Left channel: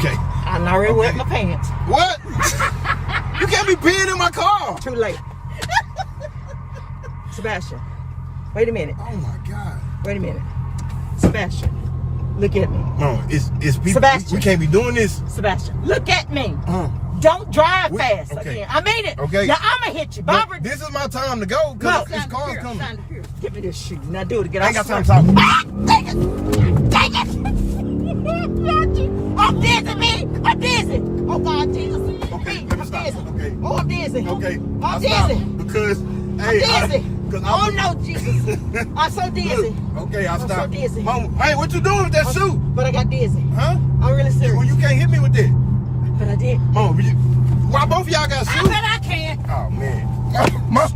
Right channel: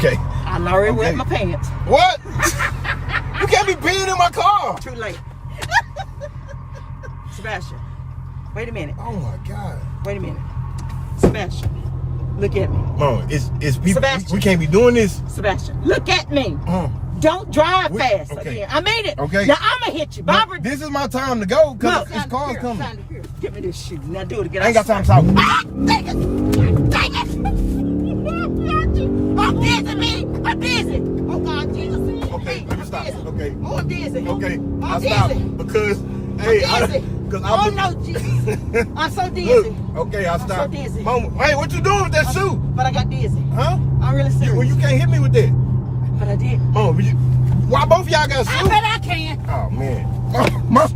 Okay. I already wet my pants. What? You can't be peeing in my car. Too late. Sebastian, wait a minute. Oh my God. Wait a minute. Sebastian, look at me. Mom, it's people. Sebastian. We can't be doing this. Sebastian, look at me. Don't drive fast again. I mean it. Okay. Now I'm going to hit you. Barbara. This is my time to go. No. This car's coming. Give me this shoe. Now do it again. I ain't got time to talk. Take it. Take it. I'm dizzy, me. I'm dizzy. Oh, God, Jesus. Okay, I'm stop. dizzy. Okay. Oh, I'm dizzy. Okay. I'm stop dizzy. because I'm dizzy. Oh, no, Jesus. I'm so dizzy. Look, okay, I'll stop. I'm so dizzy. Mom, hey, what you doing with that shoe? But I got dizzy. Huh? I'm really serious. Well, you can't hit me with that. But I did. Oh, why both y'all got shoes? I bet I can. Oh, man. Mom,